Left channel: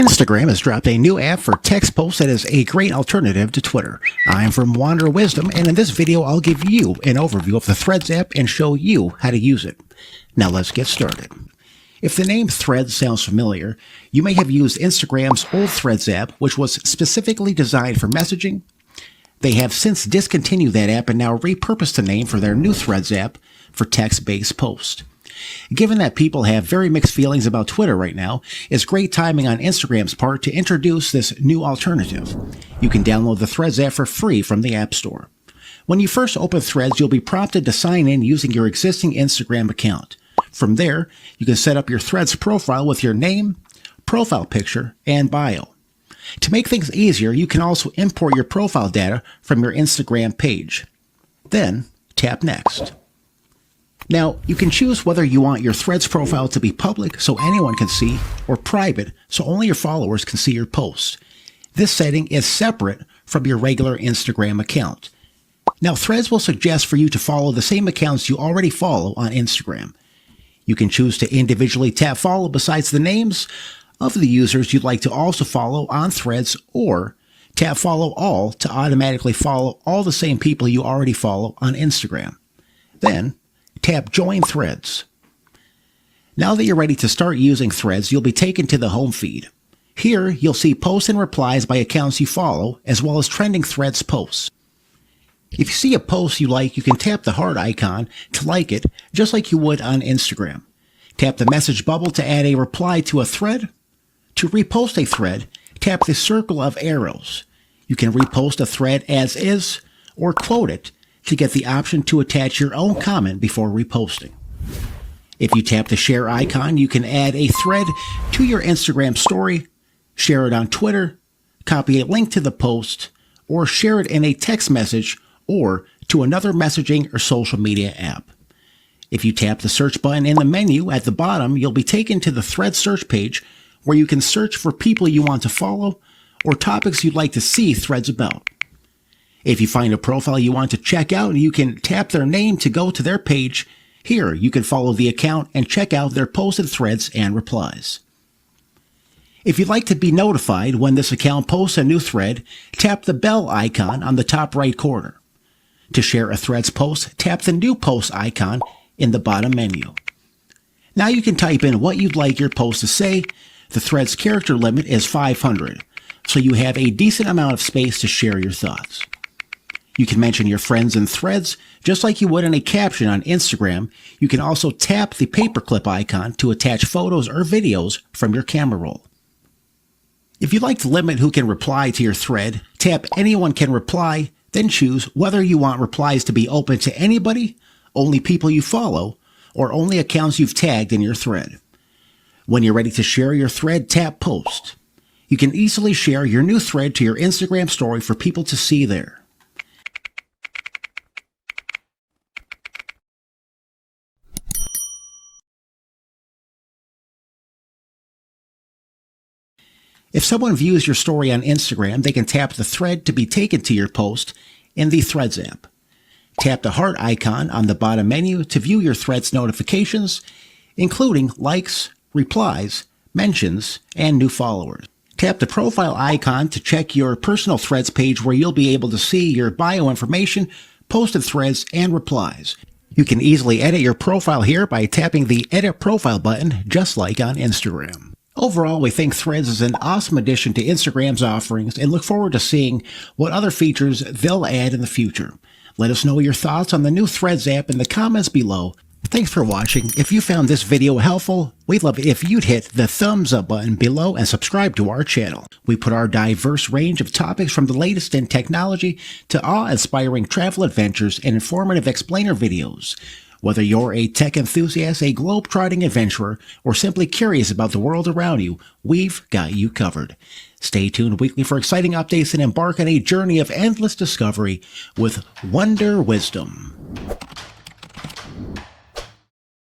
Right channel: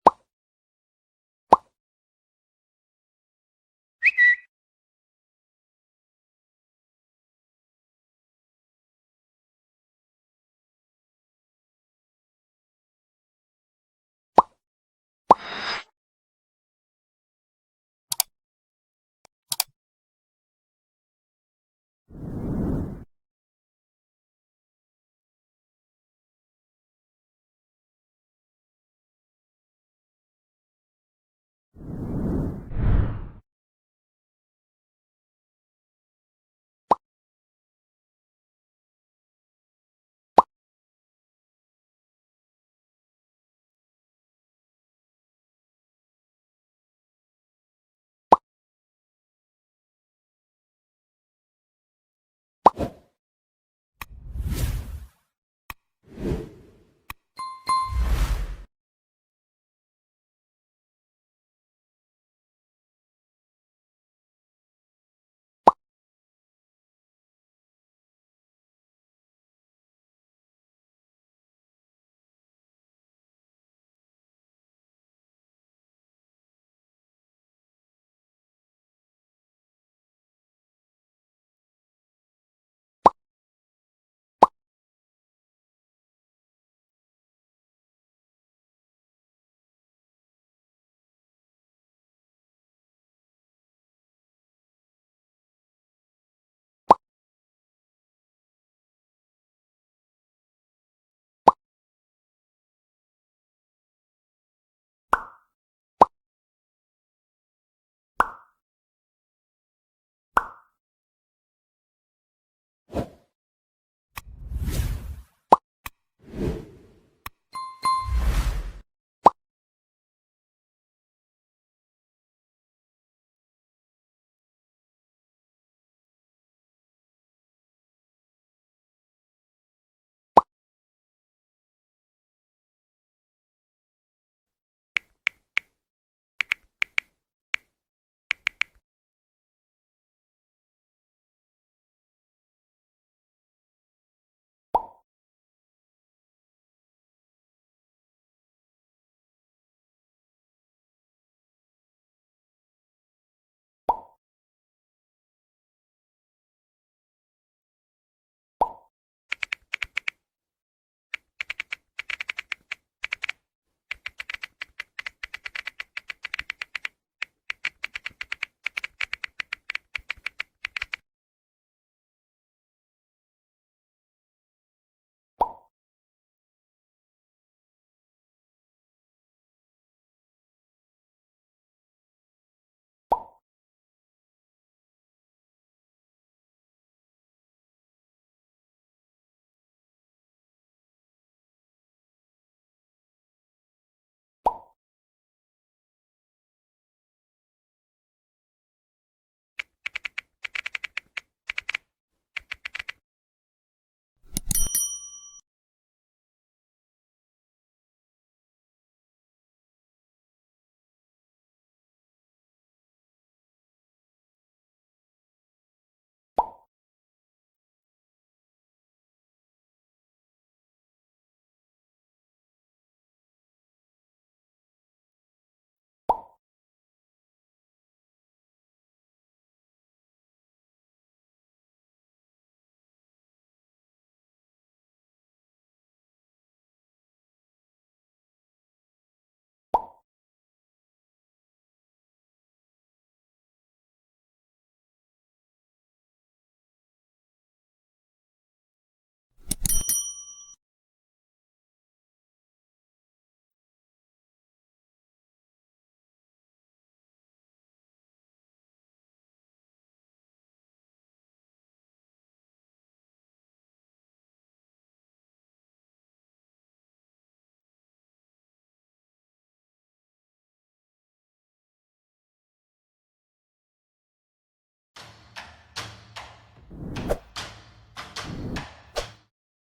Instagram has dropped a new app for text posts that is a great alternative to Twitter. I'm from Wanderer Wisdom, and in this video I'll give you an overview of the Threads app and show you how to use it. Now let's get started. If the name Threads sounds familiar, you may have used Instagram's old Threads app, which was specifically designed for messaging. They have since discontinued that app and now repurposed the name for their new Threads app for text-based posts. Given that people have very mixed feelings about Twitter right now, it's great timing on Instagram's part to introduce this new alternative. You can download the Threads app for free from the App Store. When you first open Threads, you'll be prompted to sign in using your existing Instagram account. From there, you can set up your Threads profile with your name, profile picture, and bio. To make things easier, you can also import your profile data from your Instagram page. Then, tap Next. Now, you can choose whether you want your Threads profile to be public so anyone can see, or private so only your followers can see your posts. This setting is separate from your regular Instagram account. Now, Threads will suggest for you to follow the same accounts you already follow on Instagram. You can choose to individually tap follow besides the names of the users you'd like to also follow on Threads, or tap follow all to automatically follow all the same people you already follow on Instagram. Then, tap Join Threads. Now that you're ready to start using Threads, you'll be taken to the home feed. Here, you'll see posts and replies by accounts you follow, as well as trending Threads posts. If you see a post you like, you can tap the heart icon to like it, just like you would on Instagram. Tap the message bubble to add a reply to a thread. To repost a thread, tap the circle of arrows. You can repost a thread as is, or quote it, to get the option to attach your own comment before reposting. If you tap the share icon, you can add a thread to your Instagram story, share it on Twitter, copy a link to the post, or share it in a text message or to another messaging or social media app. If you tap the search button in the menu at the bottom, you'll be taken to the Threads search page where you can search for people you want to follow or topics you'd like to see threads about. If you find a profile you want to check out, you can tap their name to go to their page. Here, you can follow the account and check out their posted threads and replies. If you'd like to be notified when this account posts a new thread, tap the bell icon on the top right corner. To share a Threads post, tap the New Post icon in the bottom menu. Now you can type in what you'd like your post to say. The Threads character limit is 500, so you have a decent amount of space to share your thoughts. You can mention your friends in Threads, just like you would in a caption on Instagram. You can also tap the paperclip icon to attach photos or videos from your camera roll. If you'd like to limit who can reply to your thread, tap Anyone Can Reply, then choose whether you want replies to be open to anybody, only people you follow, or only accounts you've tagged in your thread. When you're ready to share your thread, tap Post. You can easily share your new thread to your Instagram story for people to see there. If someone views your story on Instagram, they can tap the thread to be taken to your post in the Threads app. Tap the heart icon on the bottom menu to view your Threads notifications, including likes, replies, mentions, and new followers. Tap the profile icon to check your personal Threads page where you'll be able to see your bio information, posted threads, and replies. You can easily edit your profile here by tapping the Edit Profile button, just like on Instagram. Overall, we think Threads is an awesome addition to Instagram's offerings and look forward to seeing what other features they'll add in the future. Let us know your thoughts on the new Threads app in the comments below. Thanks for watching. If you found this video helpful, we'd love it if you'd hit the thumbs up button below and subscribe to our channel. We put our diverse range of topics from the latest in technology to awe-inspiring travel adventures and informative explainer videos. Whether you're a tech enthusiast, a globe-trotting adventurer, or simply curious about the world around you, we've got you covered. Stay tuned weekly for exciting updates and embark on a journey of endless discovery with Wanderer Wisdom.